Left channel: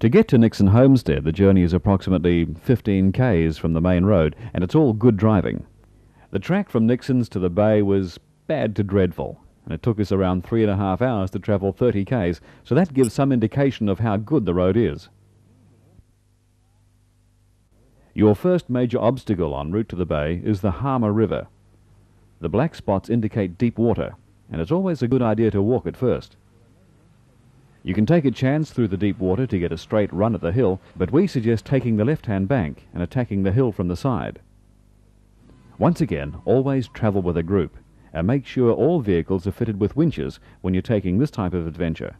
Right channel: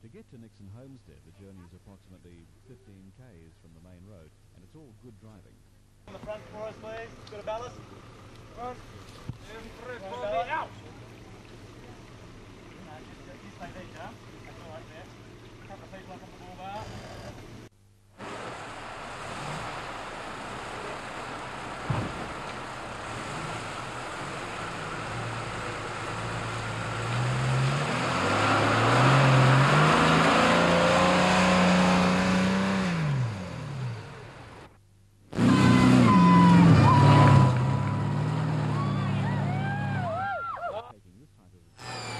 To get to Nixon Homestead, the journey is approximately 15 k's from the main road, and it's all good driving. The track from Nixon's to the bay was bad to dreadful, and it took us around 3.5 hours to travel 30 k's, so that gives some indication of how good the road is. Your first major obstacle en route to the bay is the Harmer River. The black spots indicate deep water, and it's always a good idea to walk at first. You can take a chance through the deep water to get a straight run at the hill, but we suggest taking the left-hand bank and attacking the hill from the side. Once again, always travel with a group, and make sure all vehicles are fitted with winches when you're taking this type of adventure.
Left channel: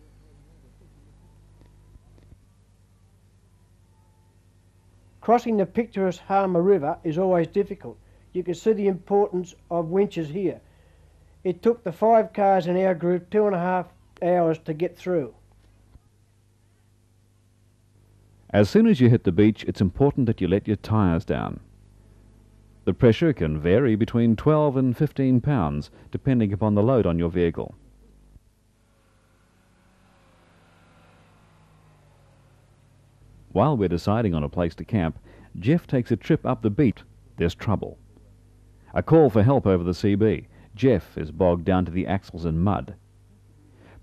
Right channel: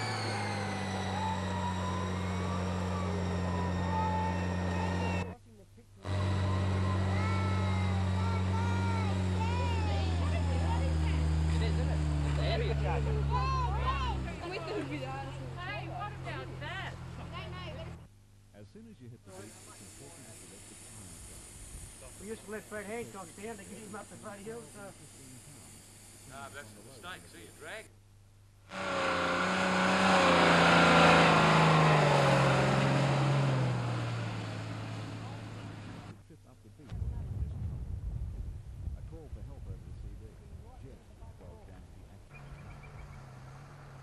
Crossing the picturesque Harmer River is always difficult. You can see the importance of winches here. It took the 5 cars in our group 2.5 hours to get through. As soon as you hit the beach, it's important that you let your tyres down. The pressure can vary between 12 and 15 pounds, depending upon the load on your vehicle. While we're deciding on a place to camp, Jeff takes a trip up the beach. There's trouble. A call for help over the CB. Jeff is bogged down to the axles in mud.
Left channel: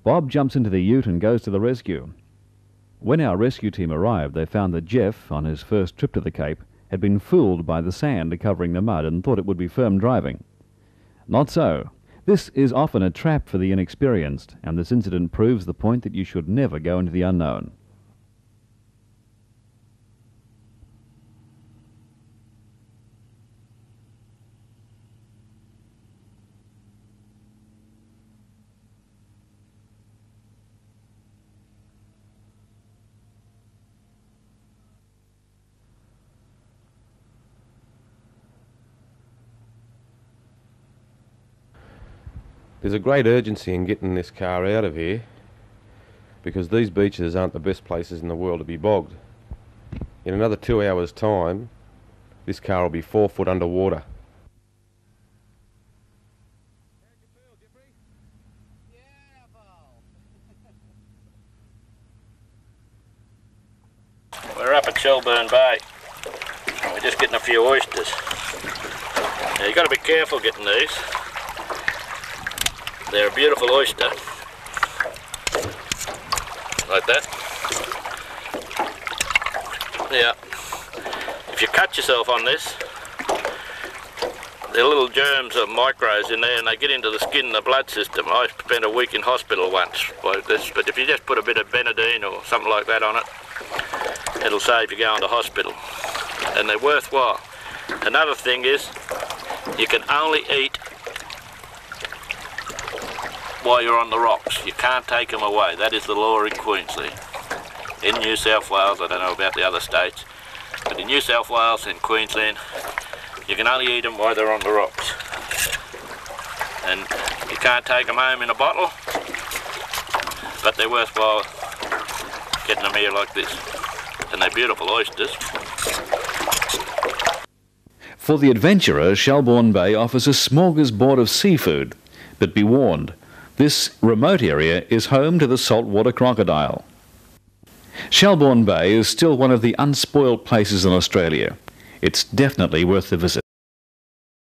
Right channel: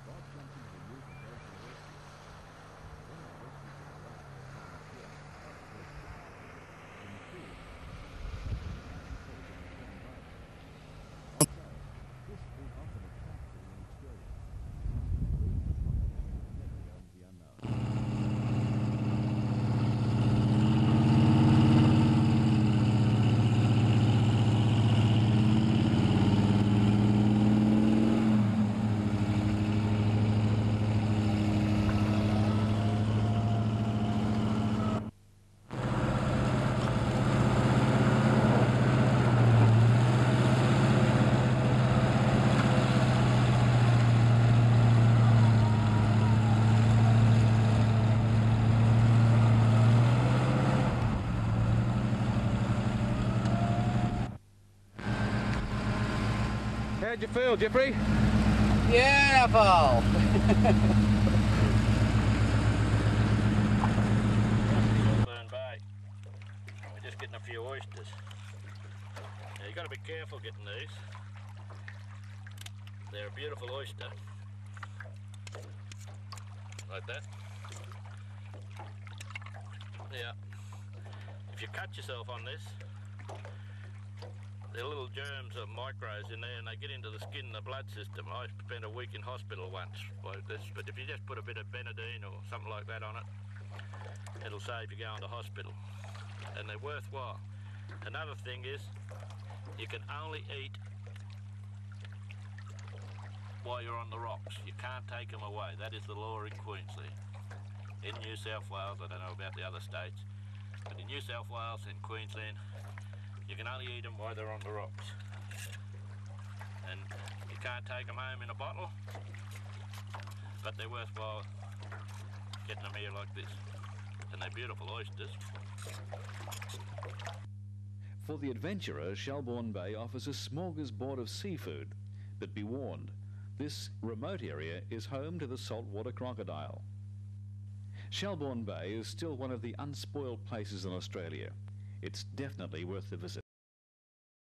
Bob jumps into the ute and goes to the rescue. When our rescue team arrived, they found that Jeff, on his first trip to the Cape, had been fooled by the sand covering the mud and thought it would be firm driving. Not so. This is often a trap for the inexperienced, and this incident proves the point that you should never go into the unknown. There's a great urgency in getting this car out of here because these beaches aren't the best places in the world to be bogged. In another 2 hours' time, this car will be 4 foot underwater. How'd you feel, Jeffrey? Beautiful! We're up at Shelbourne Bay. We're just getting a few oysters. Now, you've got to be careful getting these. They're a beautiful oyster, like that. Yeah. If you cut yourself on this, there are little germs or micros in there and they get into the skin and the blood system. I spent a week in hospital once like this, but if you just put a bit of Benadine or something like that on it, it'll save you going to hospital. And they're worthwhile. Another thing is, you can only eat while you're on the rocks. You can't take them away. That is the law in Queensland. In New South Wales, I don't know about the other states, but in New South Wales and Queensland, you can only eat them while they're on the rocks. And you can't take them home in a bottle, but they're worthwhile getting them here like this. And they're beautiful oysters. For the adventurer, Shelbourne Bay offers a smorgasbord of seafood, but be warned, this remote area is home to the saltwater crocodile. Shelbourne Bay is still one of the unspoiled places in Australia. It's definitely worth the visit.